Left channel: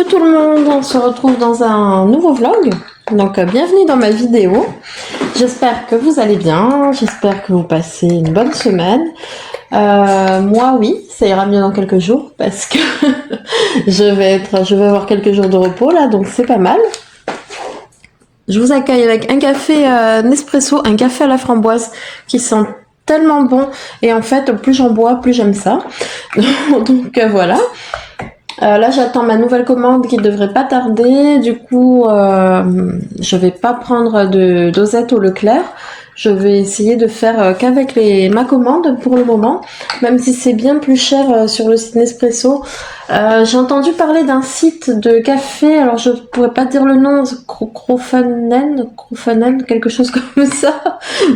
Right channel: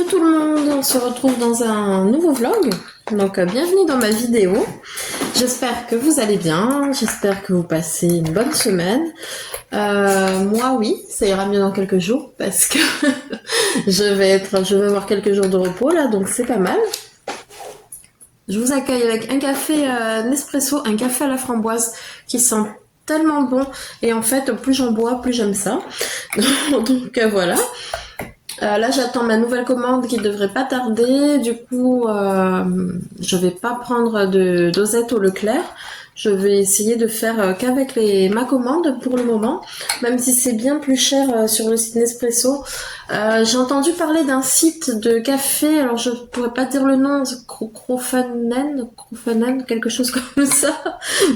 Coucou tout le monde, on se retrouve dans un nouveau vlog. Donc bienvenue dans ma vidéo. J'espère que vous allez bien, j'espère que vous passez une bonne semaine. Moi oui, ça ira mieux dans quelques jours parce que je vais avoir quelques jours de repos là, donc c'est pas mal. Je vous accueille avec un café Nespresso, un café à la framboise qui sent tellement bon et en fait plus j'en bois plus j'aime ça. Donc voilà. Là, j'attends ma nouvelle commande qui devrait pas tarder. Du coup, je vais pas prendre de dosette au Leclerc. Je vais essayer de faire qu'avec ma commande pour le moment, même si c'est bien plus cher sur le site Nespresso. J'ai entendu parler d'un site de café, alors je pourrais pas dire le nom, Crofanen, quelque chose comme ça,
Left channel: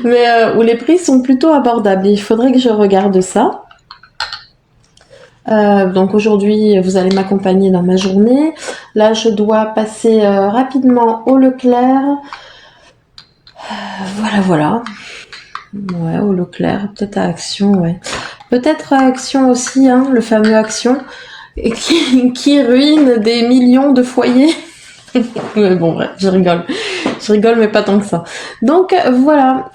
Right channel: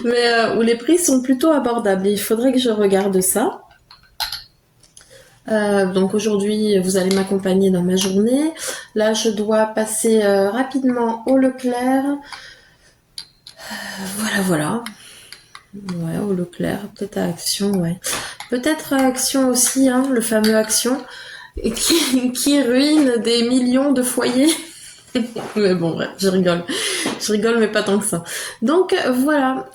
mais où les prix sont plutôt abordables. Il faudrait que je regarde ça. Donc aujourd'hui, vous allez m'accompagner dans ma journée. Là, je dois passer rapidement au Leclerc. Voilà. Ouais, au Leclerc, peut-être à Action, ouais. Peut-être à Action aussi, hein, le fameux Action, et qui ruine des millions de foyers. Mais bon, bref, je rigole. Je rigole, mais pas tant que ça. Donc voilà,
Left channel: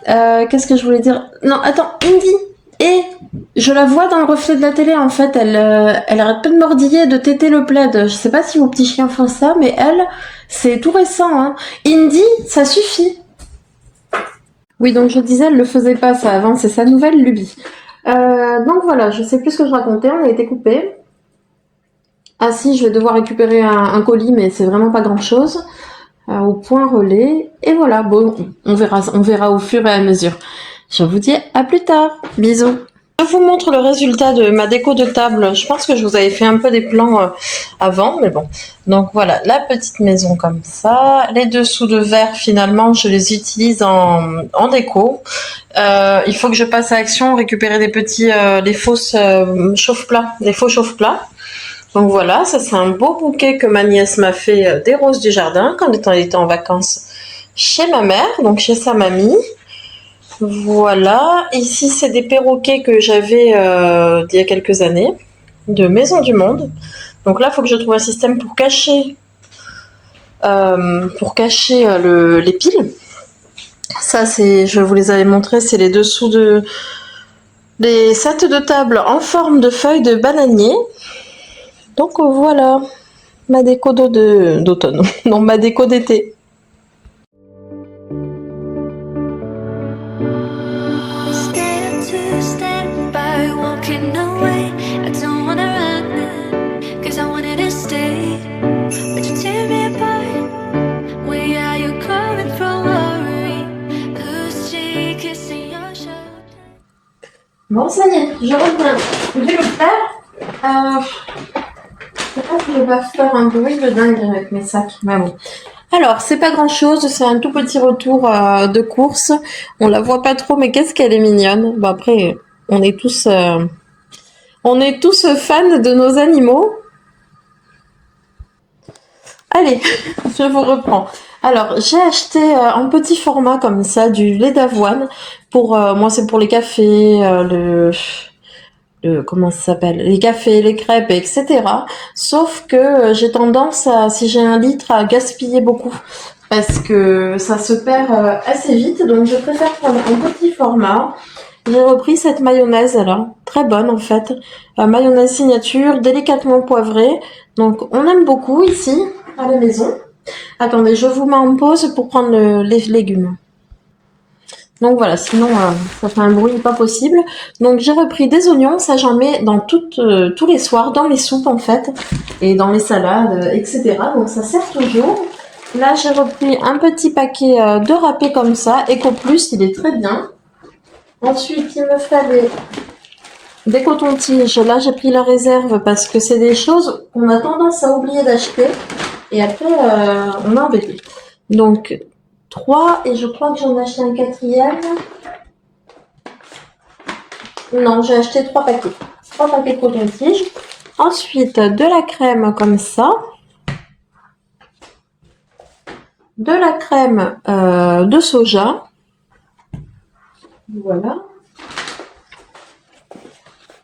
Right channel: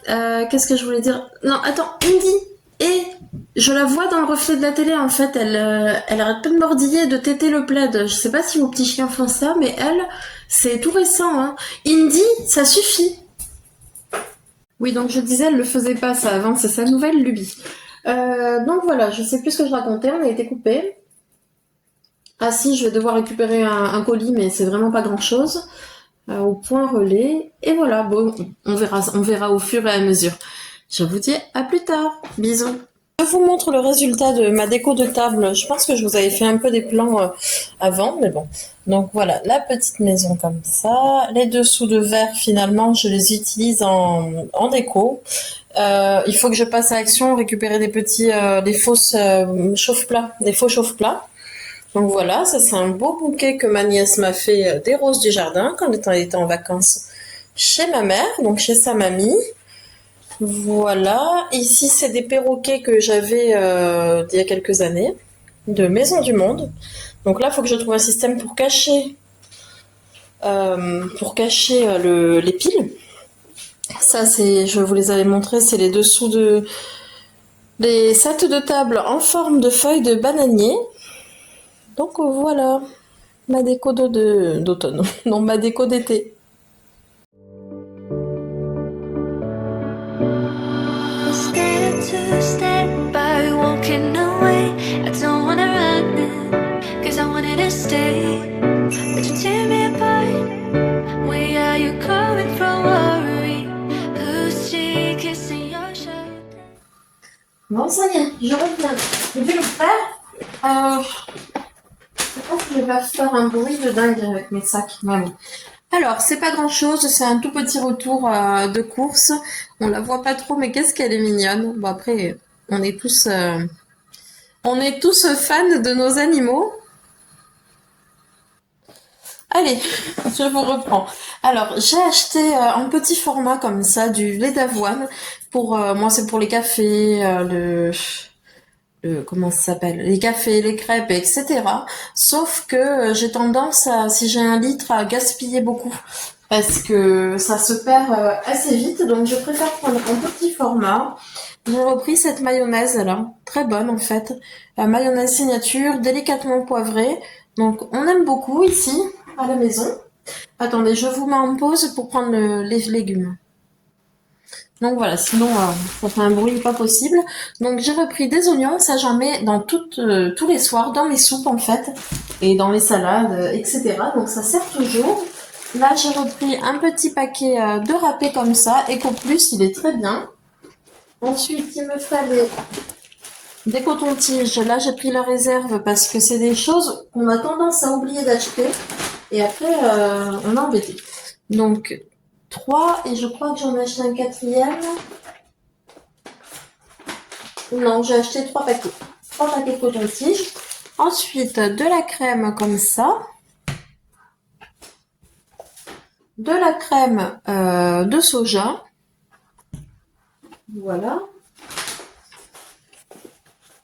qu'est-ce que je voulais dire? Non, attends, Indy. Et je la vois dans le reflet de la télé, en fait, elle arrête pas de mordiller, de téter le plaid. Je sais pas si vos petits chiens font ça, mais elle, c'est tout récent, hein. Indy, ça suffit. Oui, donc je disais, elle le faisait pas ça avant, c'est sa nouvelle lubie. Donc voilà, je sais plus ce que je racontais, on a été coupé. Ah si, je vais devoir récupérer un colis, mais c'est vraiment pas grand chose. Au point relais. Et voilà, bon, on verra au fur et à mesure. Je vous dis à plus tard. Bisous. Je vous montre le résultat de ma déco de table. Je pense que je vous avais fait un peu des plans avant, mais bon. Donc voilà, la petite maison comme ça. Les dessous de verre, finalement, je les utilise en déco. Il faut que je passe à Action, récupérer des petits, des fausses chauffe-plats, des faux chauffe-plats. Donc voilà, ça c'est un beau bouquet que ma nièce m'a fait des roses du jardin quand elle était en vacances chez ma mère, donc chez sa mamie. Voilà, ici c'est des perroquets que j'avais il y a quelques années, de Maison du Monde. Donc là, il faut que je trouve un système pour cacher, les piles. Ça, je vous les avais montrés, c'est les dessous des sets de table en forme de feuilles de bananier. Donc voilà, ma déco d'automne, non, ma déco d'été. Step by walking away. I don't wanna run it, cause I wanted to stay. But you tear me apart. Where are you coming from? Worry, who's she kissing your shoulder? Bon, ça y est, je reviens du Leclerc. Je pense que je vais faire un bruit de dingue avec mes sacs, mais bon. Alors, c'est pas grand chose, c'est un tout petit retour de course. On la voit pas trop, mais qu'est-ce qu'elle est mignonne. Bon, après, on est tous fans de nos animaux. Allez, je vous reprends. Alors, j'ai acheté en petit format comme ça du lait d'avoine. Pour moi, c'est pour les cafés, comment ça s'appelle, les cafés, les crêpes, etc. Sauf que j'ai tendance à, si j'ai 1 litre, à gaspiller beaucoup parce que ça se perd assez vite. Donc, je préfère prendre un petit format. J'ai repris cette mayonnaise là, très bonne en fait. Mayonnaise signature, délicatement poivrée. Donc, on aime beaucoup ici à la maison. Attendez, je vous mets en pause pour prendre les légumes. Donc voilà, sinon ça fait un bruit pas possible. Donc j'ai repris des oignons, ça j'en mets dans tous les soirs, dans mes soupes en fait, et dans mes salades, etc. Donc ça sert toujours. Là j'ai repris un petit paquet de râpé comme ça, Eco Plus, il est très bien. Ensuite il me fallait des cotons-tiges. Là j'ai pris la réserve parce que c'est des choses qu'on a tendance à oublier d'acheter, et après on a embêté. Donc 3, et je crois que j'en ai acheté un 4e. Non, j'ai acheté 3 paquets. 3 paquets de coton-tige. Ensuite, de la crème comme ça. De la crème de soja. Voilà.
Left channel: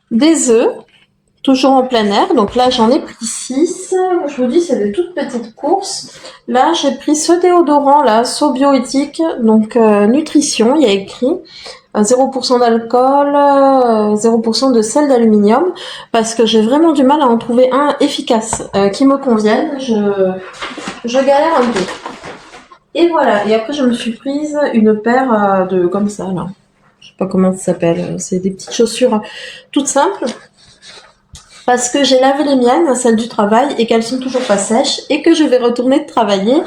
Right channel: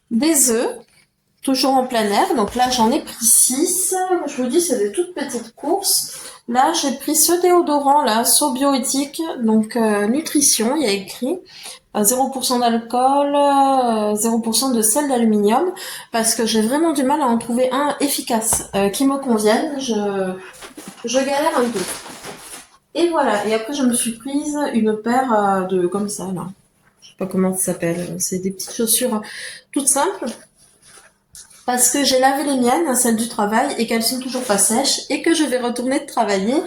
Des œufs. toujours en plein air. Donc là, j'en ai pris 6. Je vous dis, c'est des toutes petites courses. Là, j'ai pris ce déodorant, là, So Bioéthique, donc nutrition, il y a écrit 0% d'alcool, 0% de sel d'aluminium, parce que j'ai vraiment du mal à en trouver un efficace qui me convienne. Je galère un peu. Et voilà. Et après, je me suis prise une paire de comme ça, là. Je sais pas comment ça s'appelle. C'est des petites chaussures toutes simples. Parce que j'ai lavé les miennes, celles du travail, et qu'elles sont toujours pas sèches, et que je vais retourner travailler.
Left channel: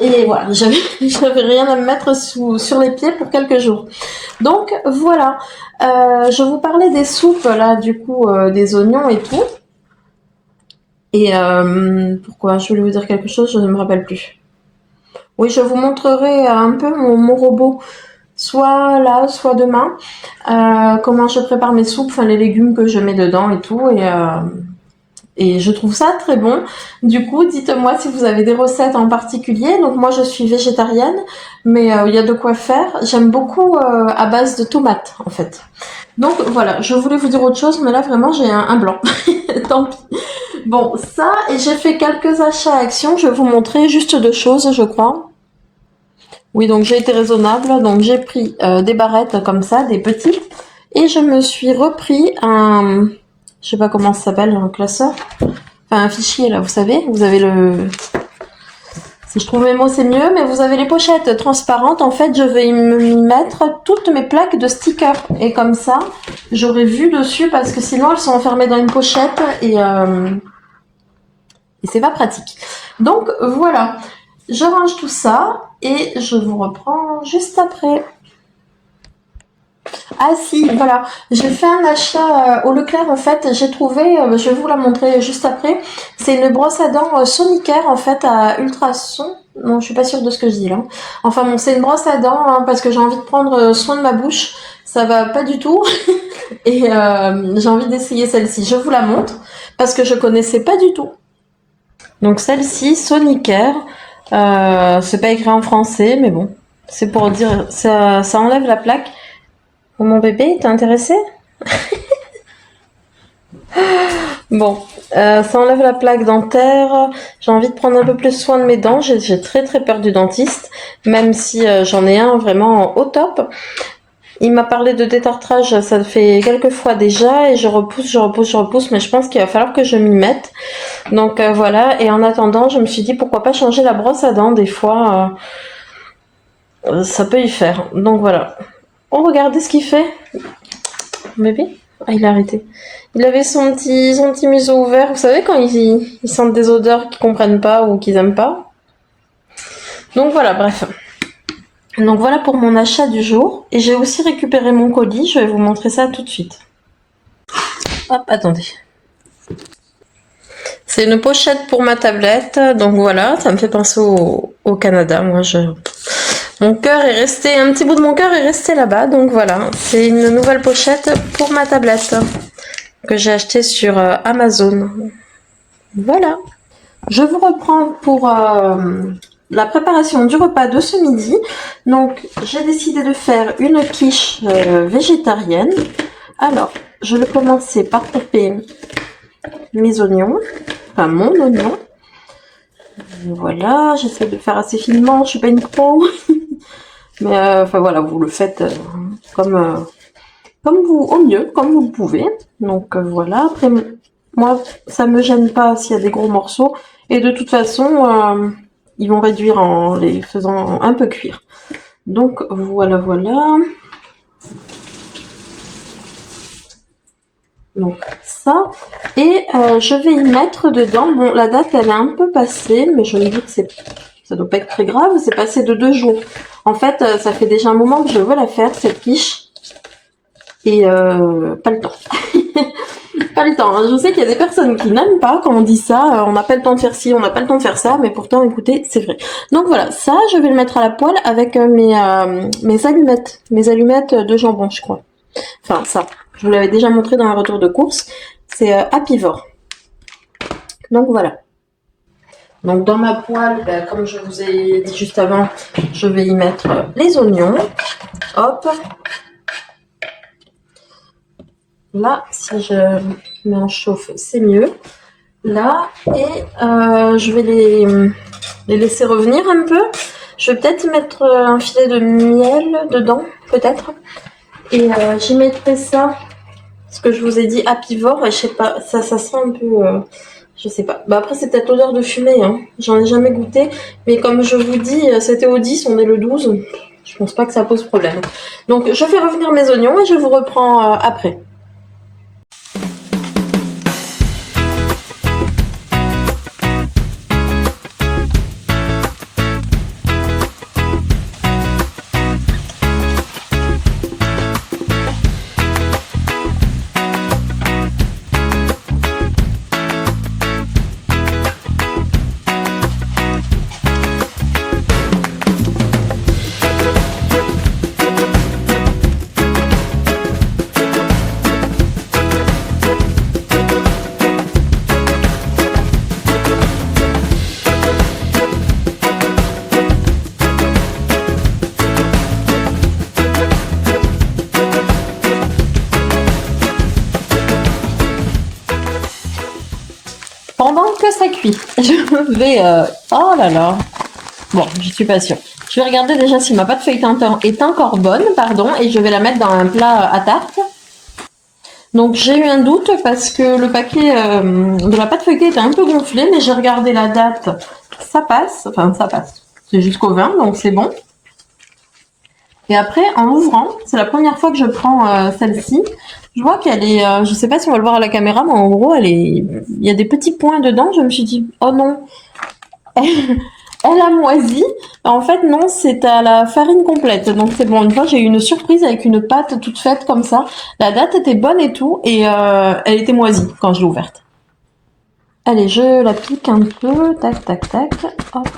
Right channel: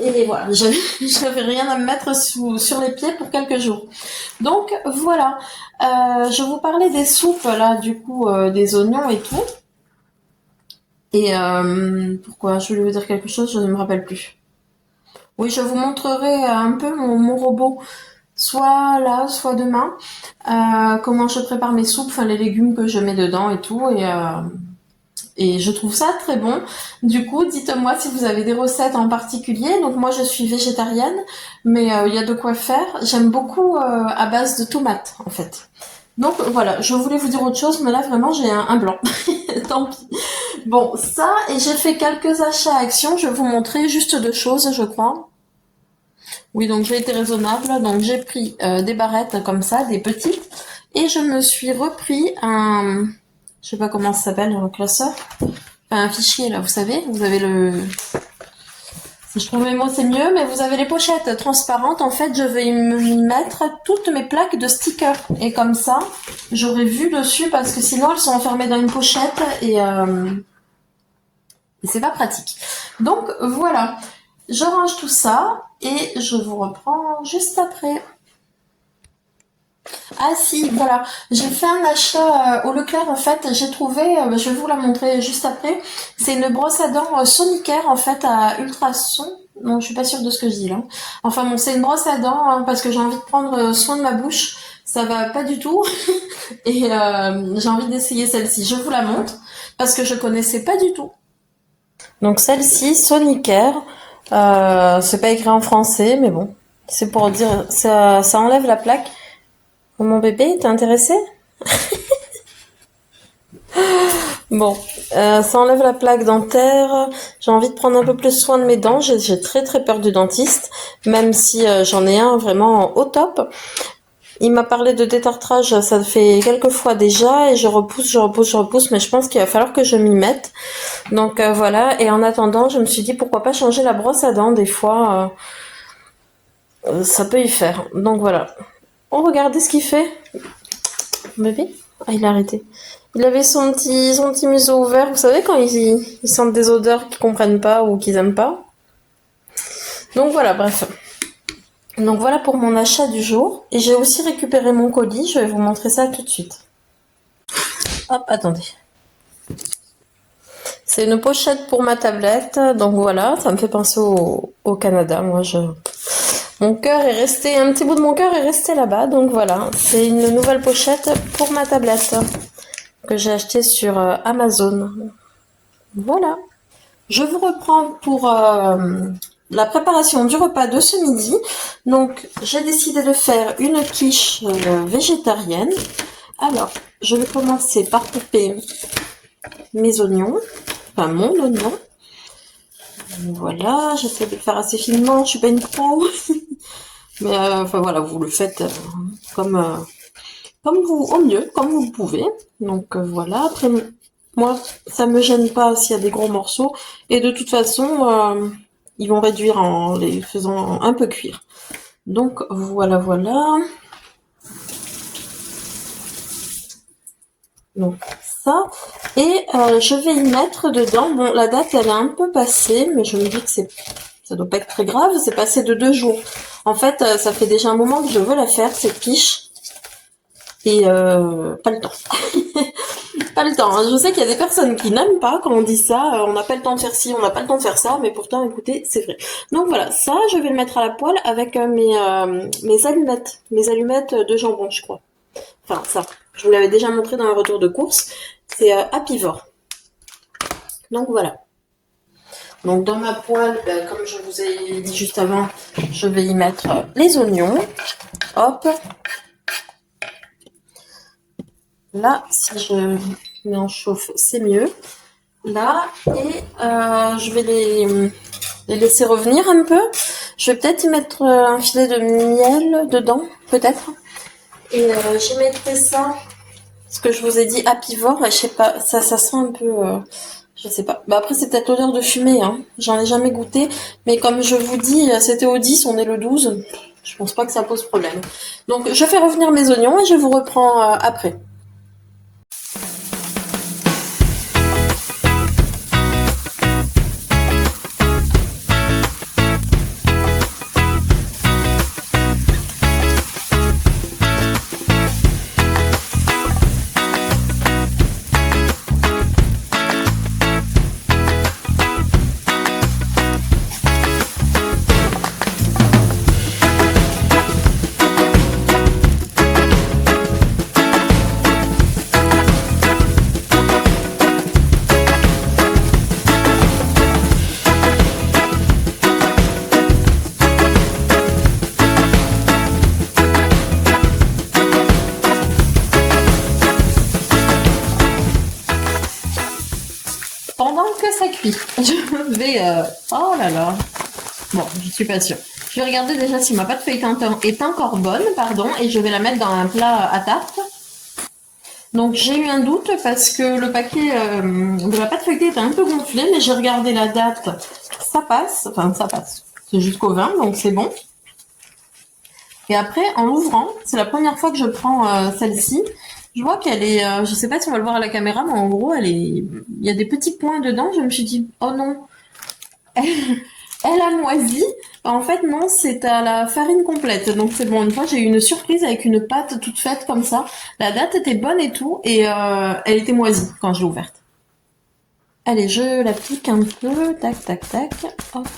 Et voilà, j'avais rien à me mettre sur les pieds pour quelques jours. Donc voilà, je vous parlais des soupes là, du coup, des oignons et tout. Et pourquoi? Je voulais vous dire quelque chose, je ne me rappelle plus. Oui, je vous montrerai un peu mon robot, soit là, soit demain, comment je prépare mes soupes, enfin les légumes que je mets dedans et tout. Et je trouve ça très bon. Du coup, dites-moi si vous avez des recettes en particulier. Donc moi, je suis végétarienne, mais il y a de quoi faire. J'aime beaucoup à base de tomates, en fait. Donc voilà, je voulais vous dire autre chose, mais là, vraiment, j'ai un blanc. Tant pis. Bon, ça, et j'ai fait quelques achats à Action. Je vais vous montrer juste 2 choses, je crois. Oui, donc j'ai été raisonnable. Donc j'ai pris des barrettes comme ça, des petits. Et je me suis repris un... Je sais pas comment ça s'appelle, un classeur. Enfin, un fichier, là, vous savez. Vous avez le... Si je trouve mes mots, c'est mieux. Mais vous avez les pochettes transparentes. En fait, je vais y mettre toutes mes plaques de stickers. Et comme ça, j'aurai vu dessus parce que sinon, elles sont enfermées dans une pochette et c'est pas pratique. Donc, voilà. Je range tout ça et je vous reprends juste après. Ah si, voilà, j'ai fait un achat au Leclerc en fait, j'ai trouvé, je vais vous la montrer juste après, c'est une brosse à dents Sonicare en fait à ultrasons, non je suis pas sûre de ce que je dis là, enfin bon c'est une brosse à dents hein, parce que j'ai envie de prendre soin de ma bouche, ça va pas du tout, et j'ai envie d'essayer celle-ci, je vous la montre, parce que je connaissais pas du tout. Donc celle-ci, Sonicare, c'est pas écrit en français, mais bon, c'est pour dire, ça enlève la plaque. Oh, mon bébé, t'es intéressé? Bon, ça enlève la plaque dentaire. J'ai envie de prendre un peu plus soin de mes dents. J'ai très très peur du dentiste, même si j'en ai un vraiment au top. Il m'a parlé de détartrage, ça fait quelques fois déjà, et je repousse, mais je pense qu'il va falloir que je m'y mette. Donc voilà, et en attendant, je me suis dit pourquoi pas changer la brosse à dents, des fois, ça peut y faire. Donc voilà. Oh, regardez ce qu'il fait. Bébé? Ah, il a arrêté. Il avait son petit museau ouvert. Vous savez, quand ils sentent des odeurs qu'ils comprennent pas ou qu'ils aiment pas. Donc voilà, bref. Donc voilà pour mon achat du jour. Et j'ai aussi récupéré mon colis. Je vais vous montrer ça tout de suite. Hop, attendez. C'est une pochette pour ma tablette. Donc voilà, ça me fait penser au Canada. Mon cœur est resté, un petit bout de mon cœur est resté là-bas, donc voilà, c'est une nouvelle pochette pour ma tablette que j'ai achetée sur Amazon. Voilà. Je vous reprends pour la préparation du repas de ce midi. Donc, j'ai décidé de faire une quiche végétarienne. Alors, je vais commencer par couper mes oignons, enfin mon oignon. Voilà, j'essaie de faire assez finement, je suis pas une pro. Mais enfin voilà, vous le faites comme vous, au mieux, comme vous pouvez. Donc voilà, après moi ça me gêne pas s'il y a des gros morceaux. Et de toute façon, ils vont réduire en les faisant un peu cuire. Donc voilà. Donc ça, et je vais y mettre dedans, bon la date elle est un peu passée, mais je me dis que ça doit pas être très grave, c'est passé de 2 jours. En fait, ça fait déjà un moment que je veux la faire, cette quiche, et pas le temps. Pas le temps, hein. Je sais qu'il y a des personnes qui n'aiment pas quand on dit ça, on n'a pas le temps de faire ci, on n'a pas le temps de faire ça, mais pourtant écoutez, c'est vrai. Donc voilà, ça je vais le mettre à la poêle avec mes allumettes de jambon je crois. Enfin ça, je vous l'avais déjà montré dans un retour de course, c'est Apivore. Donc voilà. Donc dans ma poêle, comme je vous ai dit juste avant, je vais y mettre les oignons. Hop. Là, si je mets en chauffe, c'est mieux. Là, et je vais les laisser revenir un peu. Je vais peut-être y mettre un filet de miel dedans, peut-être. Et j'y mettrai ça, ce que je vous ai dit, apivore. Et je sais pas, ça sent un peu... je sais pas. Bah après, c'est peut-être l'odeur de fumée. Hein. J'en ai jamais goûté. Mais comme je vous dis, c'était au 10, on est le 12. Je pense pas que ça pose problème. Donc, je fais revenir mes oignons et je vous reprends après. Pendant que ça cuit, je vais... Oh là là. Bon, je suis pas sûre. Je vais regarder déjà si ma pâte feuilletée est encore bonne, pardon, et je vais la mettre dans un plat à tarte. Donc j'ai eu un doute parce que le paquet de la pâte feuilletée était un peu gonflé, mais j'ai regardé la date. Ça passe, enfin ça passe. C'est jusqu'au 20, donc c'est bon. Et après, en l'ouvrant, c'est la première fois que je prends celle-ci. Je vois qu'elle est, je sais pas si on va le voir à la caméra, mais en gros, il y a des petits points dedans. Je me suis dit, oh non, elle a moisi. En fait, non, c'est à la farine complète. Donc c'est bon. Une fois, j'ai eu une surprise avec une pâte toute faite comme ça. La date était bonne et tout, et elle était moisie quand je l'ai ouverte. Allez, je la pique un peu. Tac, tac, tac. Hop.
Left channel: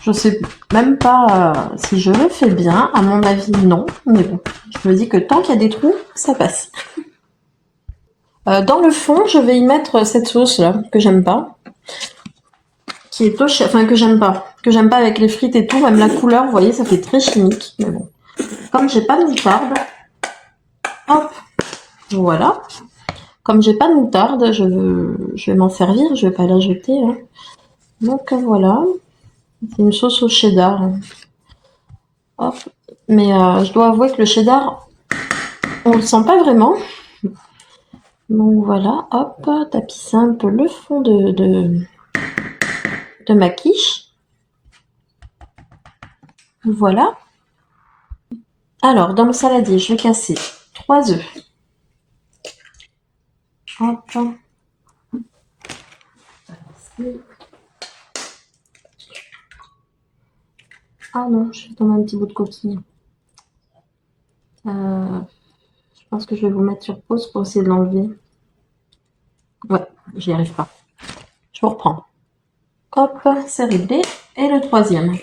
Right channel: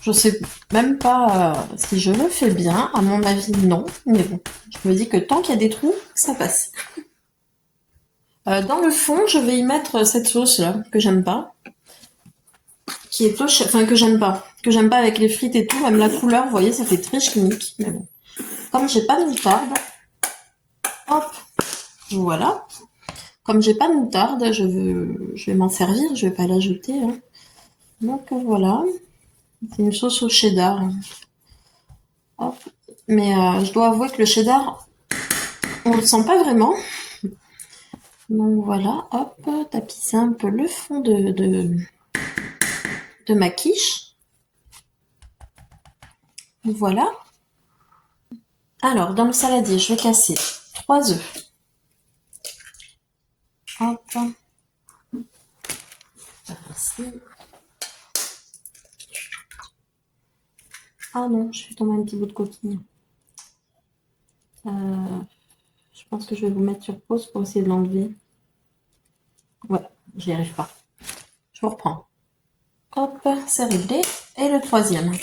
Je sais même pas si je le fais bien. À mon avis, non. Mais bon, je me dis que tant qu'il y a des trous, ça passe. Dans le fond, je vais y mettre cette sauce là que j'aime pas, qui est enfin que j'aime pas avec les frites et tout. Même la couleur, vous voyez, ça fait très chimique. Mais bon, comme j'ai pas de moutarde, hop, voilà. Comme j'ai pas de moutarde, je vais m'en servir. Je vais pas la jeter. Hein. Donc voilà. C'est une sauce au cheddar. Hop. Mais je dois avouer que le cheddar, on le sent pas vraiment. Donc voilà, hop, tapisser un peu le fond de ma quiche. Voilà. Alors, dans le saladier, je vais casser 3 œufs. Hop. Ah non, je vais tomber un petit bout de coquille. Je pense que je vais vous mettre sur pause pour essayer de l'enlever. Ouais, j'y arrive pas. Je vous reprends. Hop, c'est réglé. Et le troisième.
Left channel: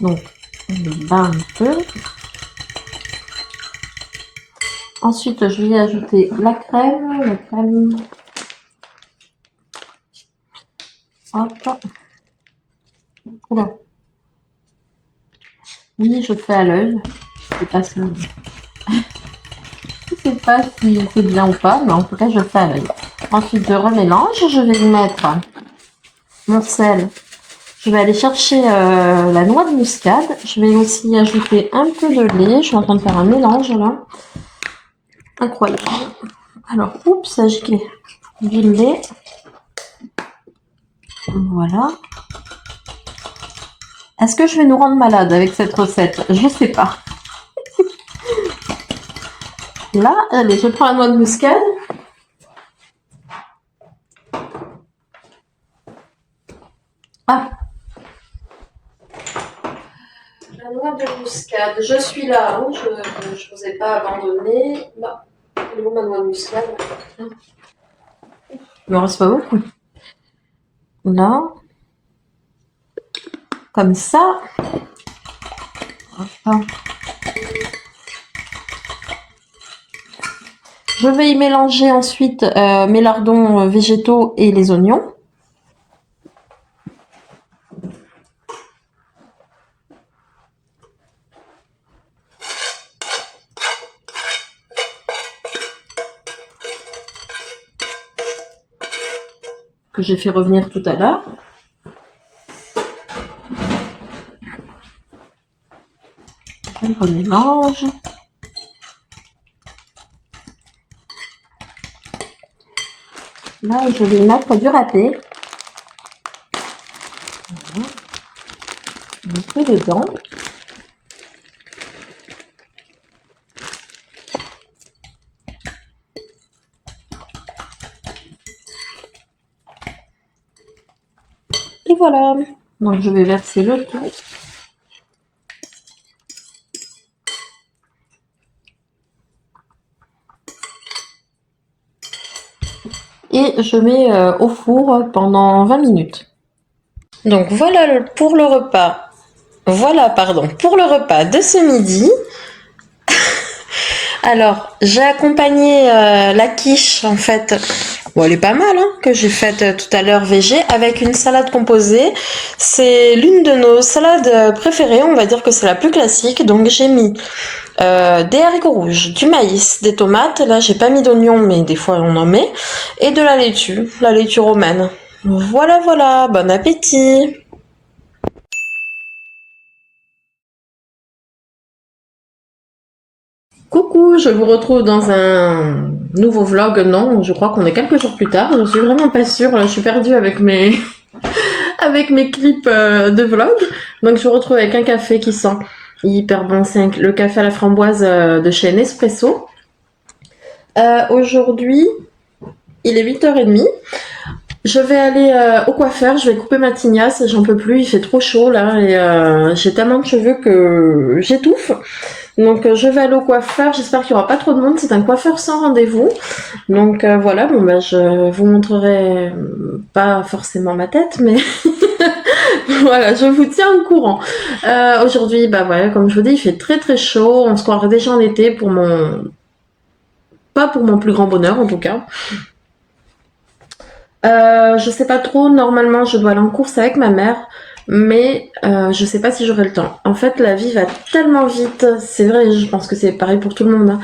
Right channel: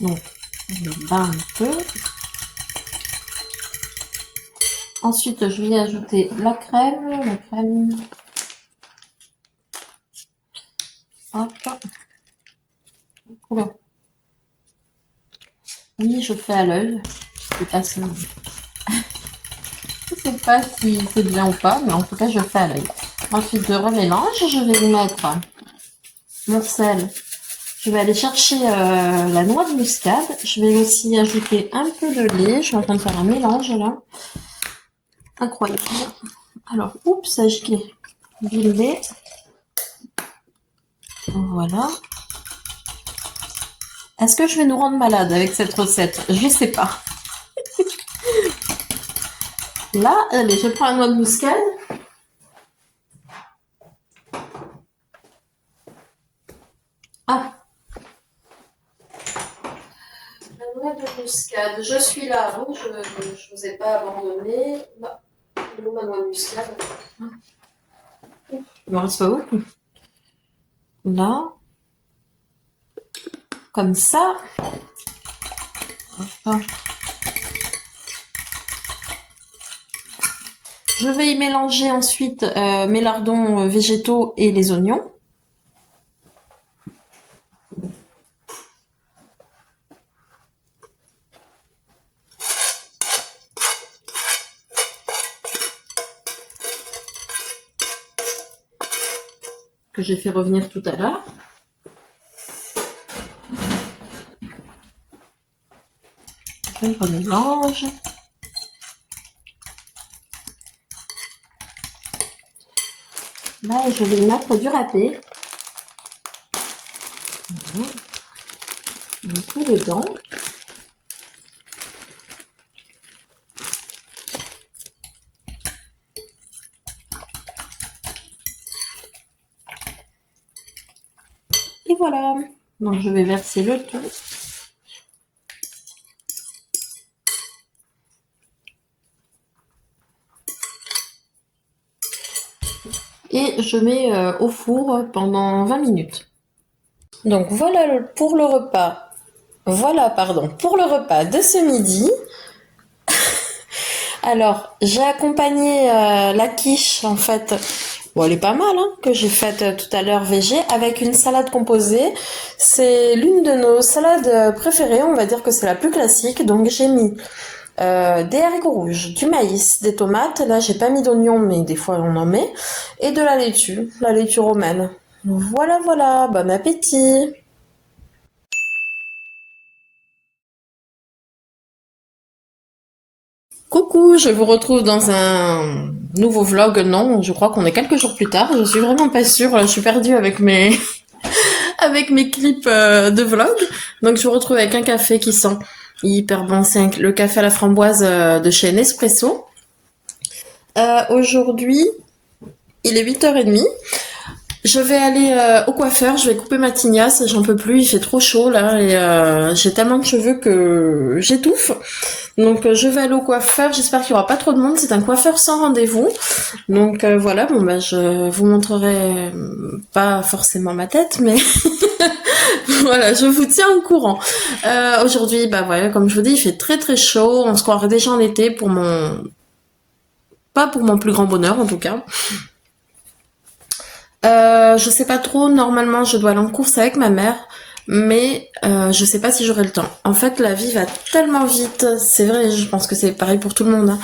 Donc, on le bat un peu. Ensuite, je vais ajouter la crème. Hop. Oula. Oui, je fais à l'œil. Je sais pas si... Je sais pas si c'est bien ou pas, mais en tout cas, je fais à l'œil. Ensuite, je remélange. Je vais y mettre mon sel. Je vais aller chercher la noix de muscade. Je vais aussi ajouter un peu de lait. Je suis en train de faire un mélange là. Incroyable. Alors, oups, j'ai giclé du lait. Voilà. Est-ce que je vais nous rendre malade avec cette recette? Je sais pas. Là, allez, je prends la noix de muscade. Ah. La noix de muscade. Je suis là. Hein. Je vous ai pas abandonné. Là. Elle est où ma noix de muscade? Il me reste pas beaucoup. Là. Comme ça. Je vais y mélanger ensuite mes lardons végétaux et les oignons. que j'ai fait revenir tout à l'heure. On mélange. Là, je vais mettre du râpé. Un peu dedans. Et voilà. Donc, je vais verser le tout. Et je mets au four pendant 20 minutes. Donc voilà pour le repas. Voilà, pardon, pour le repas de ce midi. Alors, j'ai accompagné la quiche, en fait. Bon, elle est pas mal, hein, que j'ai faite tout à l'heure végé, avec une salade composée. C'est l'une de nos salades préférées, on va dire que c'est la plus classique. Donc j'ai mis des haricots rouges, du maïs, des tomates. Là, j'ai pas mis d'oignons, mais des fois on en met. Et de la laitue romaine. Voilà, voilà, bon appétit! Coucou, je vous retrouve dans un nouveau vlog. Non, je crois qu'on est quelques jours plus tard. Je suis vraiment pas sûre. Je suis perdue avec mes avec mes clips de vlog. Donc je vous retrouve avec un café qui sent hyper bon. C'est le café à la framboise de chez Nespresso. Aujourd'hui, il est 8h30. Je vais aller au coiffeur, je vais couper ma tignasse, j'en peux plus, il fait trop chaud là et j'ai tellement de cheveux que j'étouffe. Donc je vais aller au coiffeur, j'espère qu'il n'y aura pas trop de monde, c'est un coiffeur sans rendez-vous. Donc voilà, bon bah je vous montrerai pas forcément ma tête, mais voilà, je vous tiens au courant. Aujourd'hui, bah voilà, comme je vous dis, il fait très très chaud, on se croirait déjà en été pour pas pour mon plus grand bonheur en tout cas. Je sais pas trop, normalement je dois aller en course avec ma mère, mais je sais pas si j'aurai le temps. En fait, la vie va tellement vite, c'est vrai, je pense que c'est pareil pour tout le monde, hein.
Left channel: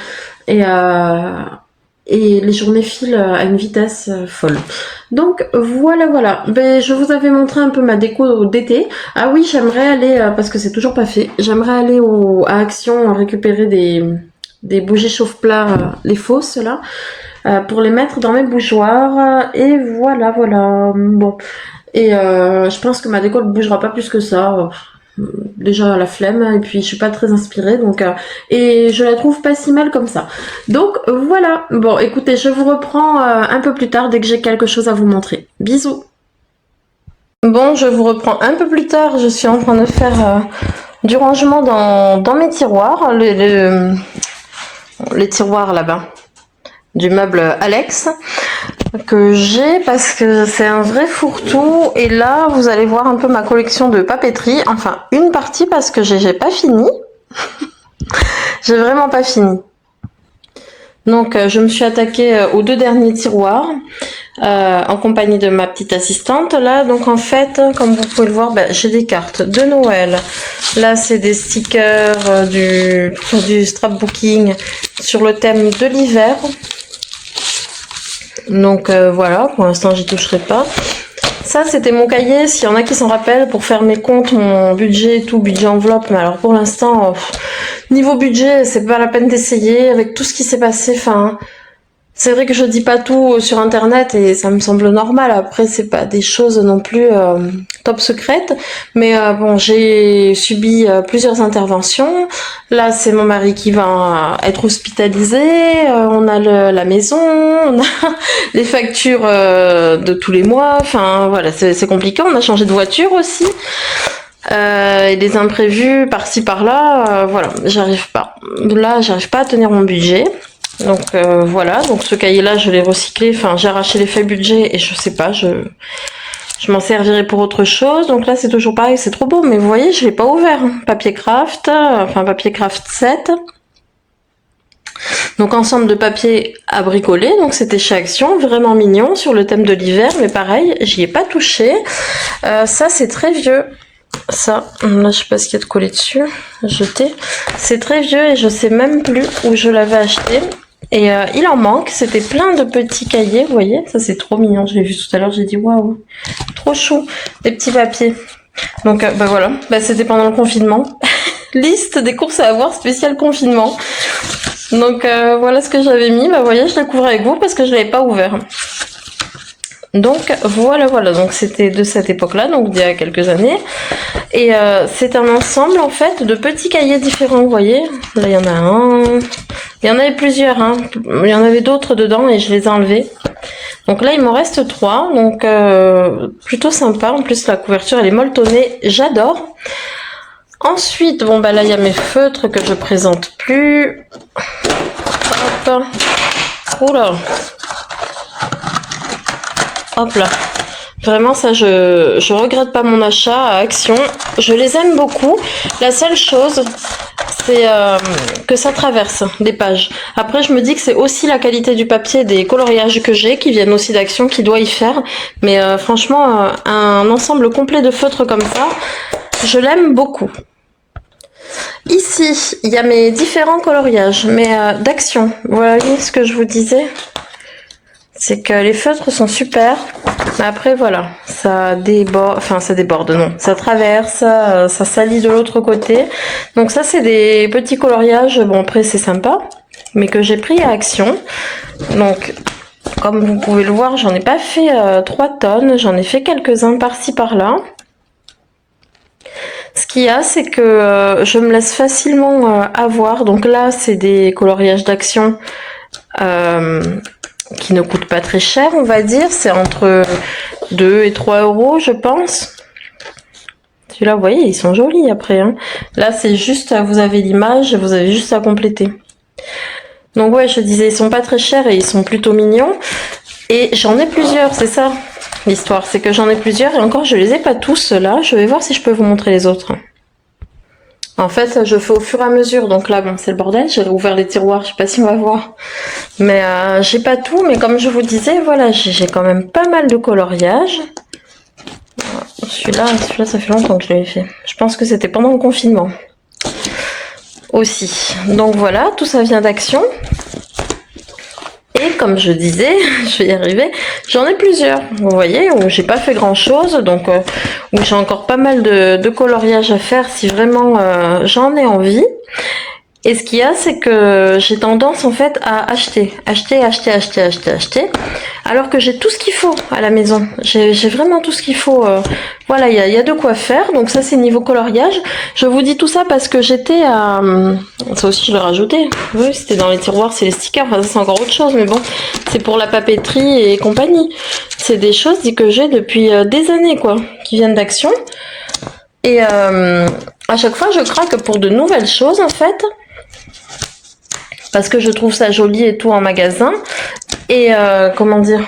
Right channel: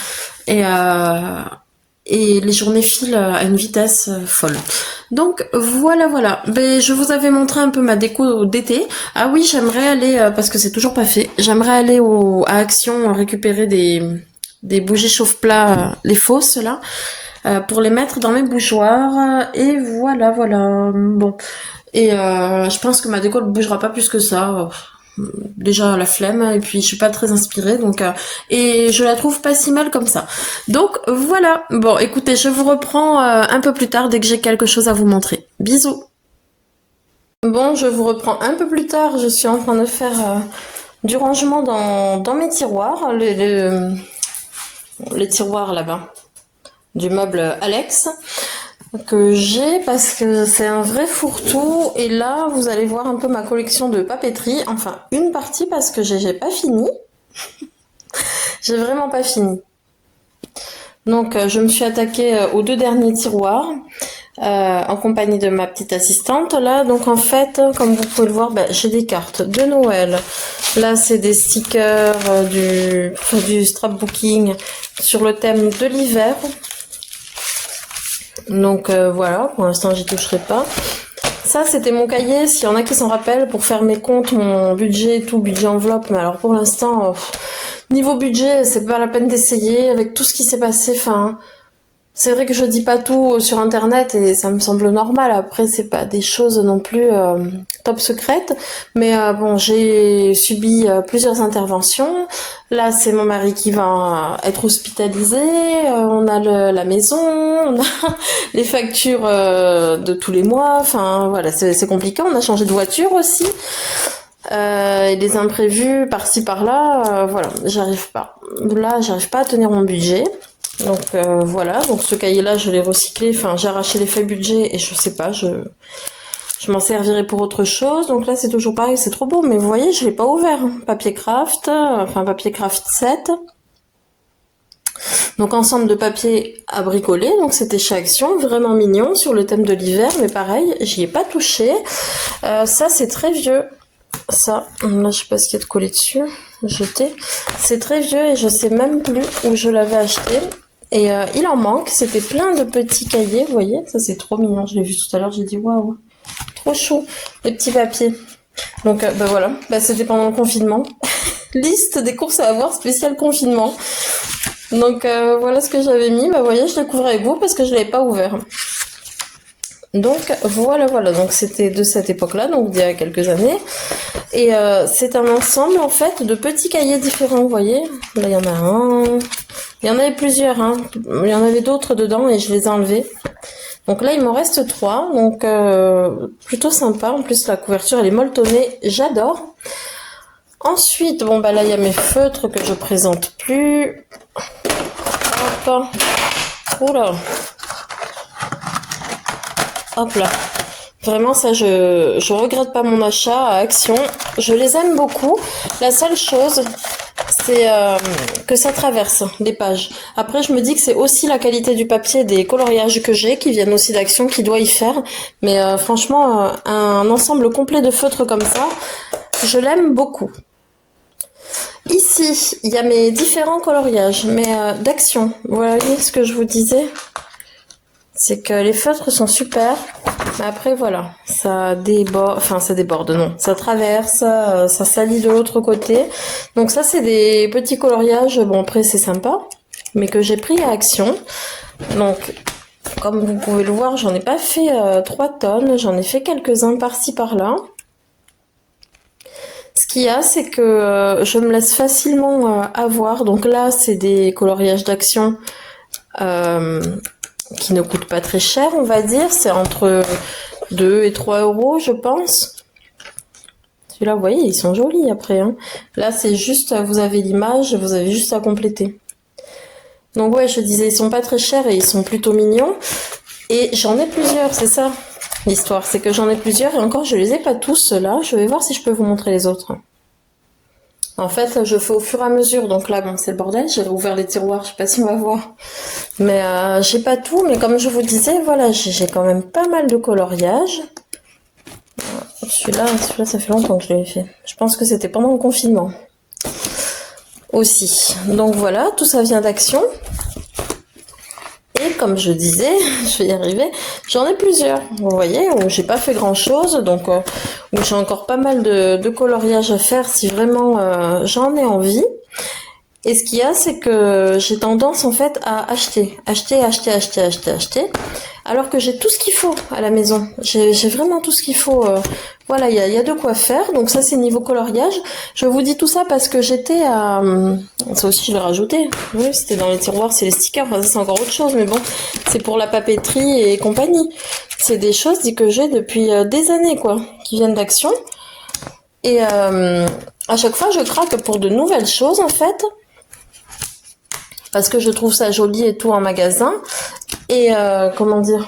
Et les journées filent à une vitesse folle. Donc voilà, voilà. Ben, je vous avais montré un peu ma déco d'été. Ah oui, j'aimerais aller, parce que c'est toujours pas fait, j'aimerais aller à Action récupérer des bougies chauffe-plat, les fausses là. Pour les mettre dans mes bougeoirs et voilà voilà bon et je pense que ma déco ne bougera pas plus que ça, déjà la flemme et puis je suis pas très inspirée donc et je la trouve pas si mal comme ça, donc voilà. Bon écoutez, je vous reprends un peu plus tard dès que j'ai quelque chose à vous montrer. Bisous. Bon, je vous reprends un peu plus tard, je suis en train de faire du rangement dans mes tiroirs, les tiroirs là-bas du meuble Alex que j'ai parce que c'est un vrai fourre-tout. Et là vous allez voir un peu ma collection de papeterie, enfin une partie parce que j'ai pas fini. J'ai vraiment pas fini. Donc je me suis attaquée aux 2 derniers tiroirs en compagnie de ma petite assistante là. Donc en fait, comme vous pouvez le voir, j'ai des cartes de Noël. Là c'est des stickers du scrapbooking sur le thème de l'hiver. Donc voilà, pour l'instant j'y toucherai pas. Ça c'était mon cahier, s'il y en a qui s'en rappellent, pour faire mes comptes, mon budget et tout, budget enveloppe. Mais alors pour l'instant, niveau budget, c'est pas la peine d'essayer avec tout ce qui s'est passé. Enfin, c'est vrai que je dis pas tout sur internet et ça me semble normal. Après, c'est pas des choses non plus top secrètes. Mais bon, j'ai subi plusieurs interventions. Là, c'est mon mari qui va être hospitalisé. On a la maison, on a les factures de tous les mois. Enfin, voilà, c'est compliqué. On a changé de voiture aussi. Et des imprévus par-ci par-là. Voilà, j'arrive pas. Là, j'arrive pas à tenir mon budget. Donc voilà, donc ce cahier-là, je l'ai recyclé, enfin j'ai arraché les feuilles budget et je sais pas, je m'en servirai pour autre chose. Donc là, c'est toujours pareil, c'est trop beau, mais vous voyez, je l'ai pas ouvert. Papier craft, enfin papier craft 7. Donc ensemble de papier à bricoler, donc c'était chez Action, vraiment mignon, sur le thème de l'hiver, mais pareil, j'y ai pas touché. Ça, c'est très vieux. Ça, là je sais pas ce qu'il y a de collé dessus, jeté. C'est très vieux et je sais même plus où je l'avais acheté. Et il en manque, c'était plein de petits cahiers, vous voyez, ça c'est trop mignon, je l'ai vu tout à l'heure, j'ai dit waouh, trop chou, des petits papiers. Donc bah voilà, bah, c'était pendant le confinement. Liste des courses à avoir spécial confinement. Donc voilà ce que j'avais mis, bah vous voyez, je l'ai couvert avec vous parce que je l'avais pas ouvert. Donc voilà, donc c'était de cette époque-là, donc d'il y a quelques années. Et c'est un ensemble en fait de petits cahiers différents, vous voyez. Là il y en a un, il y en avait plusieurs, hein. Il y en avait d'autres dedans et je les ai enlevés. Donc là il m'en reste 3, donc plutôt sympa. En plus la couverture elle est molletonnée, j'adore. Ensuite, bon bah là il y a mes feutres que je présente plus. Hop. Oula. Hop là. Vraiment ça je regrette pas mon achat à Action. Je les aime beaucoup. La seule chose c'est que ça traverse des pages. Après je me dis que c'est aussi la qualité du papier, des coloriages que j'ai qui viennent aussi d'Action qui doit y faire. Mais franchement un ensemble complet de feutres comme ça, je l'aime beaucoup. Ici, il y a mes différents coloriages, mais d'Action. Voilà ce que je vous disais. C'est que les feutres sont super. Mais après, voilà, ça déborde, enfin ça déborde, non. Ça traverse, ça salit de l'autre côté. Donc ça, c'est des petits coloriages. Bon, après, c'est sympa, mais que j'ai pris à Action. Donc, comme vous pouvez le voir, j'en ai pas fait 3 tonnes. J'en ai fait quelques-uns par-ci, par-là. Ce qu'il y a, c'est que je me laisse facilement avoir. Donc là, c'est des coloriages d'Action qui ne coûtent pas très cher, on va dire. C'est entre 2 et 3 euros, je pense. Celui-là, vous voyez, ils sont jolis après. Hein. Là, c'est juste, vous avez l'image, vous avez juste à compléter. Donc ouais, je disais, ils sont pas très chers et ils sont plutôt mignons. Et j'en ai plusieurs, c'est ça. L'histoire, c'est que j'en ai plusieurs et encore je les ai pas tous là. Je vais voir si je peux vous montrer les autres. En fait, je fais au fur et à mesure. Donc là, bon, c'est le bordel. J'ai ouvert les tiroirs. Je sais pas si on va voir. Mais j'ai pas tout. Mais comme je vous disais, voilà, j'ai quand même pas mal de coloriage. Celui-là, ça fait longtemps que je l'avais fait. Je pense que c'était pendant le confinement aussi. Donc voilà, tout ça vient d'Action. Et comme je disais, je vais y arriver, j'en ai plusieurs, vous voyez, où j'ai pas fait grand chose, donc où j'ai encore pas mal de coloriage à faire si vraiment j'en ai envie. Et ce qu'il y a, c'est que j'ai tendance en fait à acheter, alors que j'ai tout ce qu'il faut à la maison. J'ai vraiment tout ce qu'il faut. Voilà, il y a de quoi faire. Donc ça, c'est niveau coloriage. Je vous dis tout ça parce que j'étais à... Ça aussi, je l'ai rajouté. Oui, c'était dans les tiroirs, c'est les stickers. Enfin, ça, c'est encore autre chose, mais bon, c'est pour la papeterie et compagnie. C'est des choses que j'ai depuis des années, quoi, qui viennent d'Action. Et à chaque fois, je craque pour de nouvelles choses, en fait. Parce que je trouve ça joli et tout en magasin. Et comment dire,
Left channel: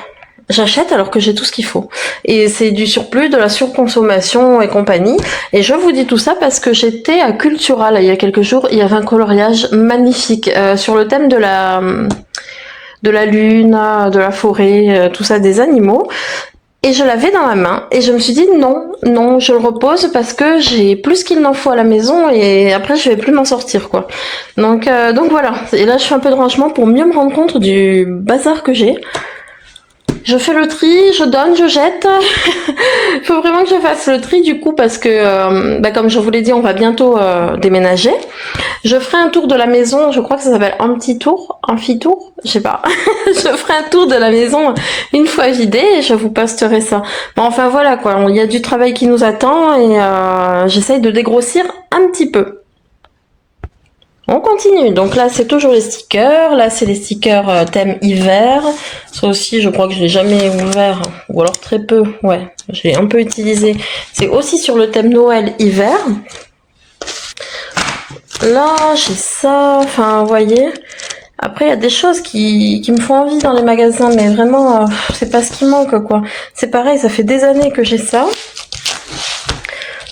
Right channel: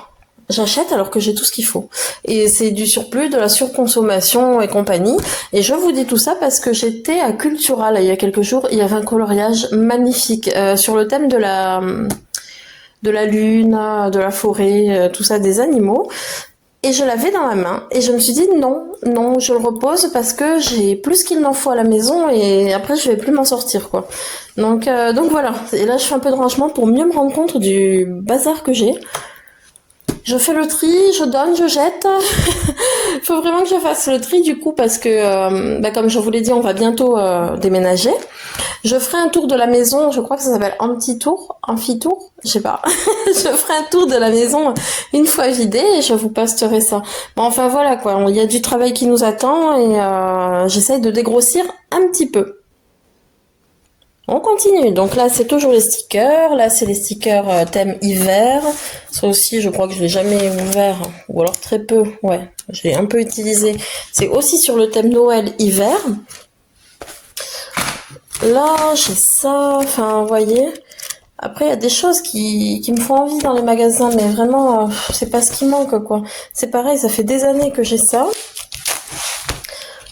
j'achète alors que j'ai tout ce qu'il faut. Et c'est du surplus, de la surconsommation et compagnie. Et je vous dis tout ça parce que j'étais à Cultura, là, il y a quelques jours. Il y avait un coloriage magnifique sur le thème de la lune, de la forêt, tout ça, des animaux. Et je l'avais dans la main et je me suis dit non, je le repose parce que j'ai plus qu'il n'en faut à la maison et après je vais plus m'en sortir quoi. Donc voilà. Et là je fais un peu de rangement pour mieux me rendre compte du bazar que j'ai. Je fais le tri, je donne, je jette. Il faut vraiment que je fasse le tri du coup parce que, comme je vous l'ai dit, on va bientôt déménager. Je ferai un tour de la maison, je crois que ça s'appelle amphi-tour, je sais pas. Je ferai un tour de la maison une fois vidée et je vous posterai ça. Bon, enfin voilà quoi, il y a du travail qui nous attend et j'essaye de dégrossir un petit peu. On continue. Donc là, c'est toujours les stickers. Là, c'est les stickers thème hiver. Ça aussi, je crois que je l'ai jamais ouvert. Ou alors très peu. Ouais, je l'ai un peu utilisé. C'est aussi sur le thème Noël hiver. Là, j'ai ça. Enfin, vous voyez. Après, il y a des choses qui me font envie dans les magasins. Mais vraiment, c'est pas ce qui manque, quoi. C'est pareil, ça fait des années que j'ai ça.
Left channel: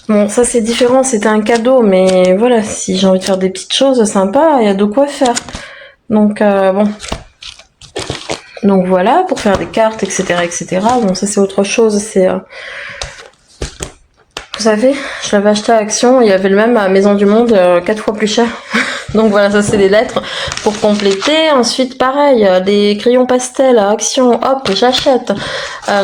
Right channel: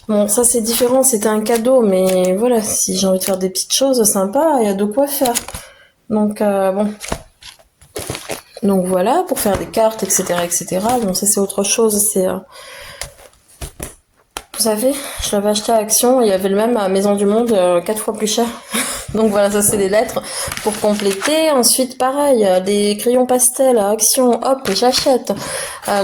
Bon, ça c'est différent, c'était un cadeau, mais voilà, si j'ai envie de faire des petites choses sympas, il y a de quoi faire. Donc, bon. Donc voilà, pour faire des cartes, etc., etc. Bon, ça c'est autre chose, c'est... Vous savez, je l'avais acheté à Action, il y avait le même à Maison du Monde, 4 fois plus cher. Donc voilà, ça c'est les lettres pour compléter. Ensuite, pareil, des crayons pastel à Action, hop, j'achète.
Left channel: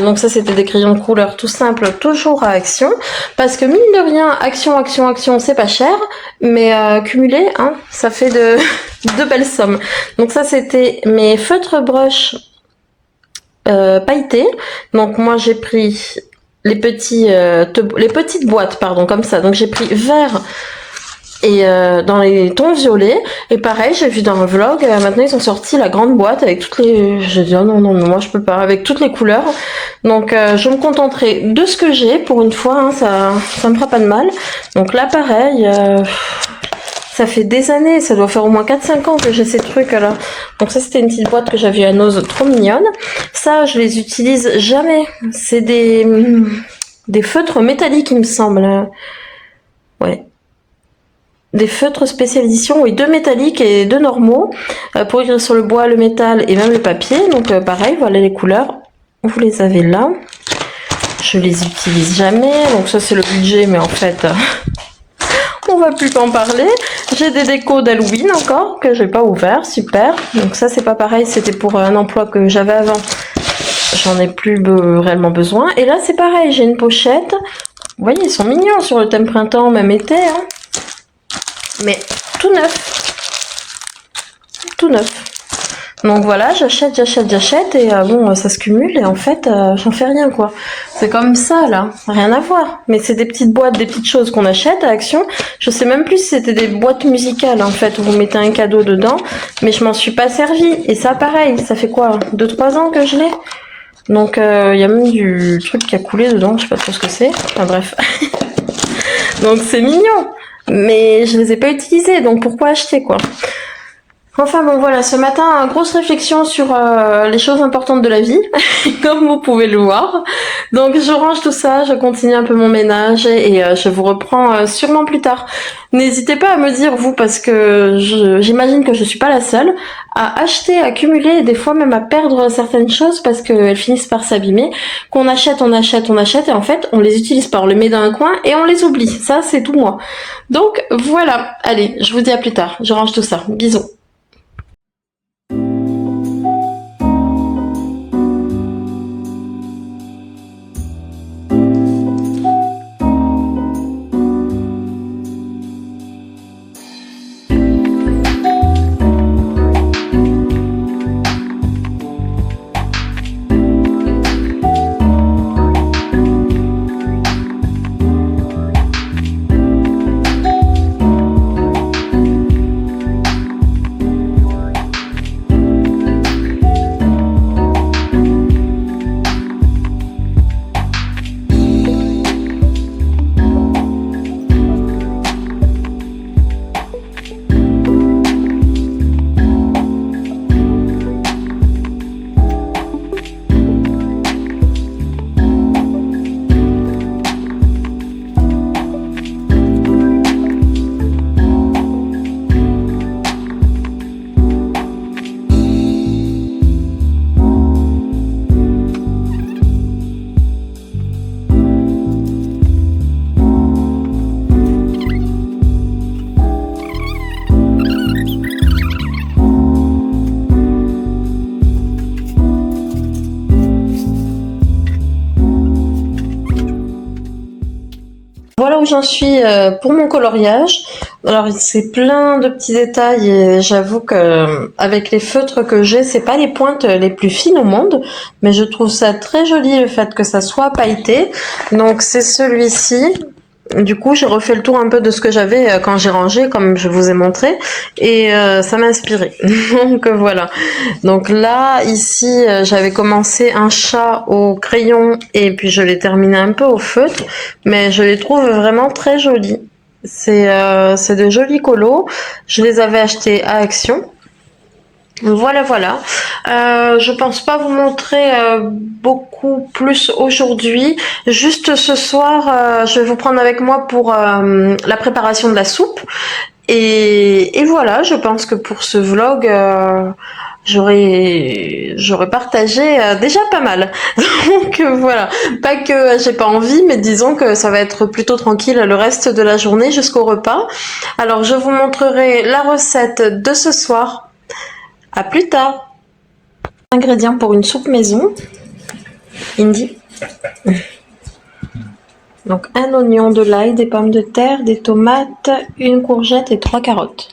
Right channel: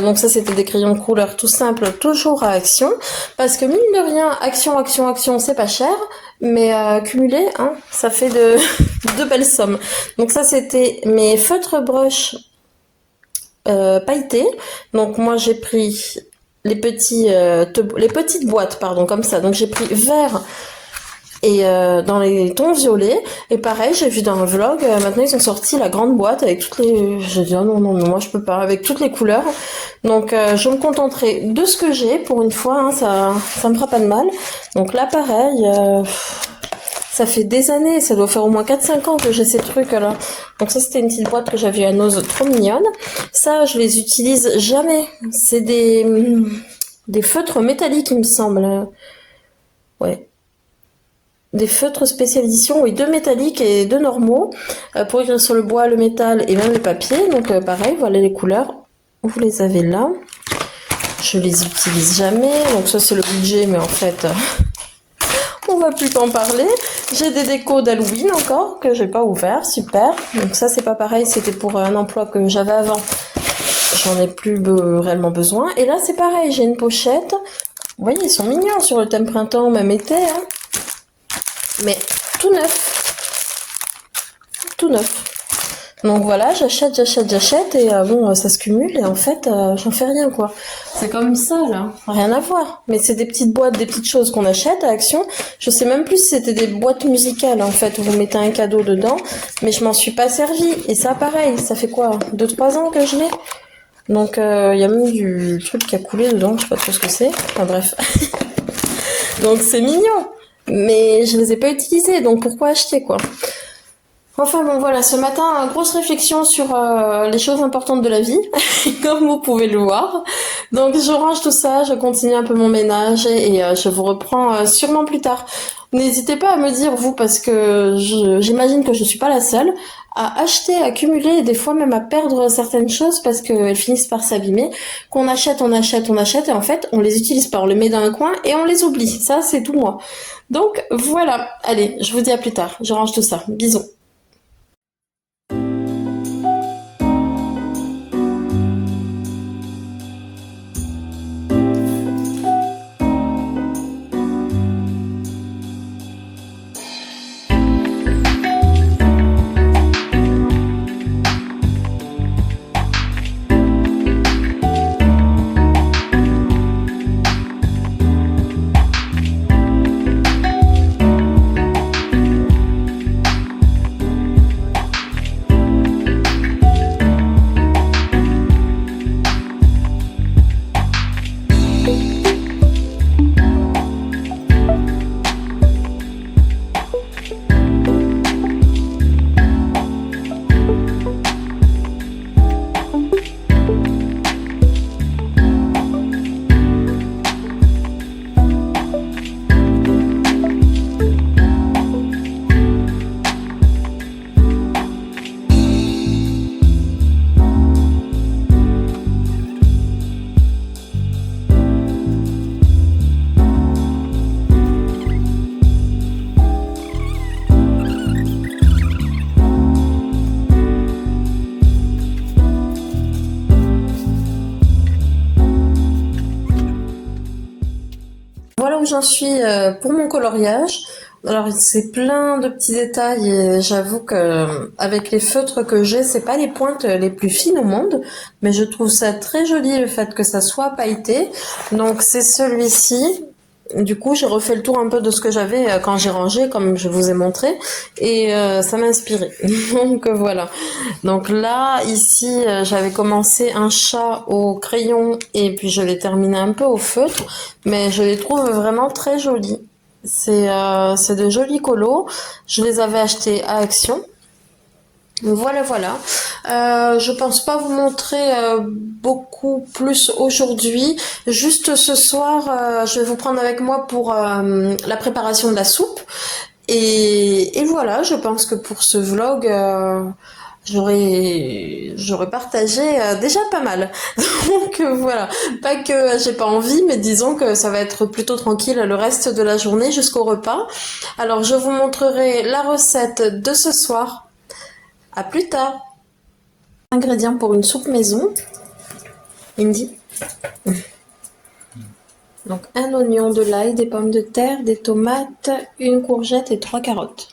Donc ça c'était des crayons de couleur tout simple, toujours à Action. Parce que mine de rien, Action, c'est pas cher. Mais cumulé, hein, ça fait de belles sommes. Donc ça c'était mes feutres brush pailletés. Donc moi j'ai pris les petites boîtes, pardon, comme ça. Donc j'ai pris vert et dans les tons violets. Et pareil, j'ai vu dans un vlog, maintenant ils ont sorti la grande boîte avec toutes les... J'ai dit oh non, moi je peux pas, avec toutes les couleurs. Donc je me contenterai de ce que j'ai pour une fois, hein, ça me fera pas de mal. Donc là pareil, ça fait des années, ça doit faire au moins 4-5 ans que j'ai ces trucs là. Donc ça c'était une petite boîte que j'avais à Nose, trop mignonne. Ça je les utilise jamais, c'est des feutres métalliques il me semble. Ouais. Des feutres spécial édition, oui, 2 métalliques et 2 normaux, pour écrire sur le bois, le métal et même le papier. Donc pareil, voilà les couleurs, vous les avez là. Je les utilise jamais, donc ça c'est le budget, mais en fait, on va plus en parler. J'ai des décos d'Halloween encore, que j'ai pas ouvert, super. Donc ça c'est pas pareil, c'était pour un emploi que j'avais avant. J'en ai plus réellement besoin. Et là c'est pareil, j'ai une pochette. Vous voyez, ils sont mignons sur le thème printemps, même été, hein. Mais tout neuf. Tout neuf. Donc voilà, j'achète et bon, ça se cumule et en fait, j'en fais rien quoi. C'est comme ça là, rien à voir. Mais c'est des petites boîtes, des petites choses qu'on achète à Action. Je sais même plus si c'était des boîtes musicales en fait, où vous mettez un cadeau dedans. Mais je m'en suis pas servi. Et ça pareil, ça fait quoi 2-3 ans que je l'ai. Donc il y a même du truc qui a coulé dedans, je sais pas trop ce que c'est. Enfin bref. Donc c'est mignon. Mais je les ai pas utilisés, donc pourquoi acheter quoi? Enfin bon voilà, ce matin, grosse réflexion sur les choses importantes de la vie, comme vous pouvez le voir. Donc je range tout ça, je continue un peu mon ménage et je vous reprends sûrement plus tard. N'hésitez pas à me dire, vous, parce que j'imagine que je suis pas la seule, à acheter, à cumuler et des fois même à perdre certaines choses parce qu'elles finissent par s'abîmer, qu'on achète et en fait on les utilise pas, on les met dans un coin et on les oublie. Ça c'est tout moi. Donc voilà, allez, je vous dis à plus tard, je range tout ça. Bisous. Voilà où j'en suis pour mon coloriage. Alors c'est plein de petits détails et j'avoue que avec les feutres que j'ai, c'est pas les pointes les plus fines au monde, mais je trouve ça très joli le fait que ça soit pailleté. Donc c'est celui-ci. Du coup, j'ai refait le tour un peu de ce que j'avais quand j'ai rangé, comme je vous ai montré, et ça m'a inspiré. Donc voilà. Donc là, ici, j'avais commencé un chat au crayon et puis je l'ai terminé un peu au feutre, mais je les trouve vraiment très jolis. C'est de jolis colos. Je les avais achetés à Action. Voilà. Je pense pas vous montrer beaucoup plus aujourd'hui. Juste ce soir, je vais vous prendre avec moi pour la préparation de la soupe. Et voilà, je pense que pour ce vlog, j'aurais partagé déjà pas mal. Donc voilà, pas que j'ai pas envie, mais disons que ça va être plutôt tranquille le reste de la journée jusqu'au repas. Alors je vous montrerai la recette de ce soir. À plus tard. Ingrédients pour une soupe maison. Indy. Donc un oignon, de l'ail, des pommes de terre, des tomates, une courgette et 3 carottes.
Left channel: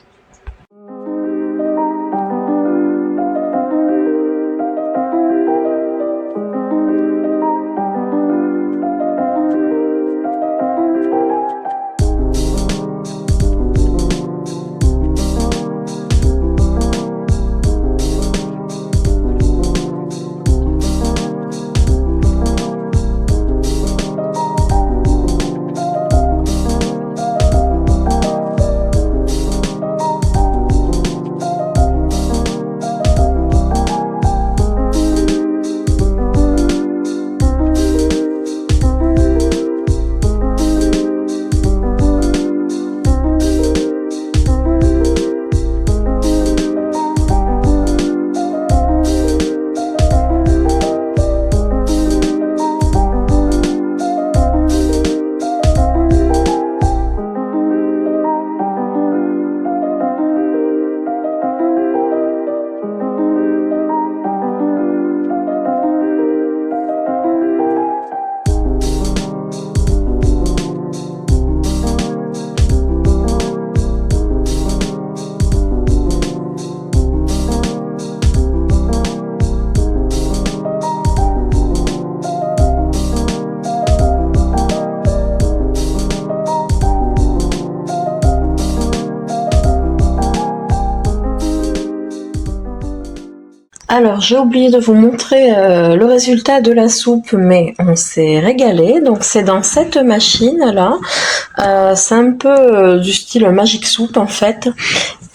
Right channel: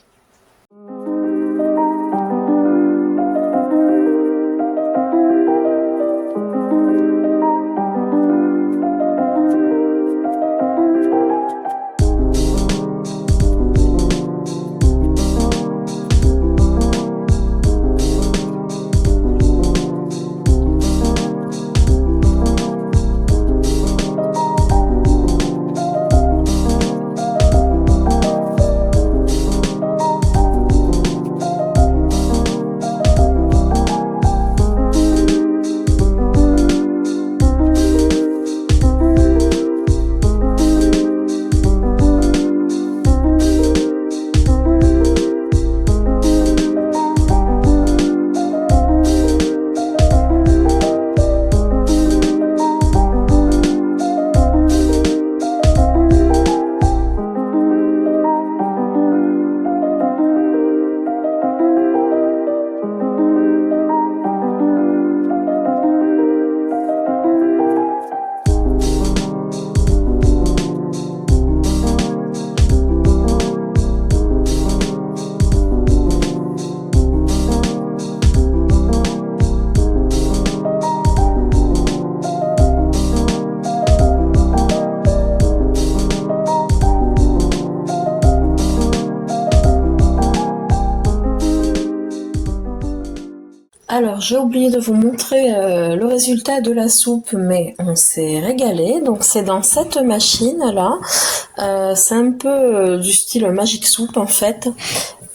Alors j'ai oublié de vous montrer le résultat de la soupe, mais on s'est régalé. Donc c'est dans cette machine là, c'est un peu du style Magic Soup en fait,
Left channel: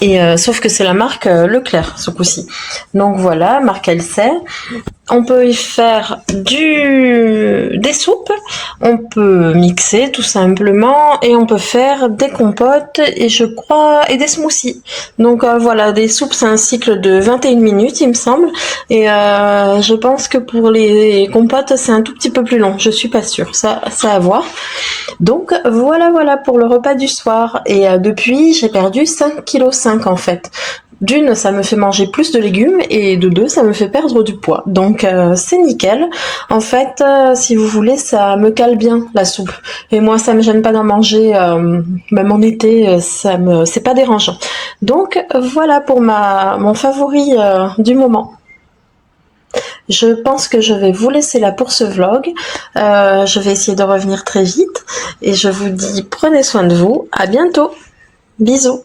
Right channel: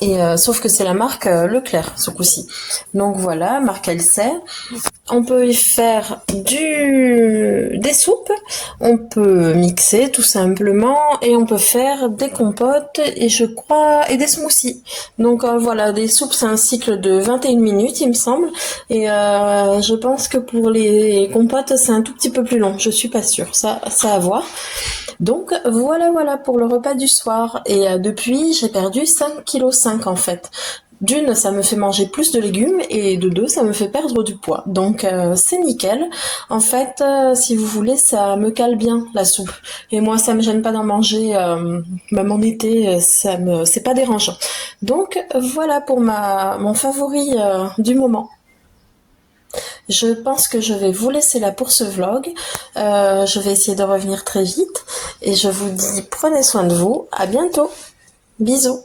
et sauf que c'est la marque Leclerc ce coup-ci. Donc voilà, marque LC. On peut y faire des soupes, on peut mixer tout simplement, et on peut faire des compotes et je crois et des smoothies. Donc voilà, des soupes c'est un cycle de 21 minutes il me semble, et je pense que pour les compotes c'est un tout petit peu plus long, je suis pas sûre, ça à voir. Donc voilà pour le repas du soir, et depuis j'ai perdu 5,5 kg en fait. D'une, ça me fait manger plus de légumes, et de deux, ça me fait perdre du poids. Donc c'est nickel. En fait, si vous voulez, ça me cale bien la soupe. Et moi, ça me gêne pas d'en manger, même en été, c'est pas dérangeant. Donc voilà pour mon favori du moment. Je pense que je vais vous laisser là pour ce vlog. Je vais essayer de revenir très vite. Et je vous dis, prenez soin de vous. À bientôt. Bisous.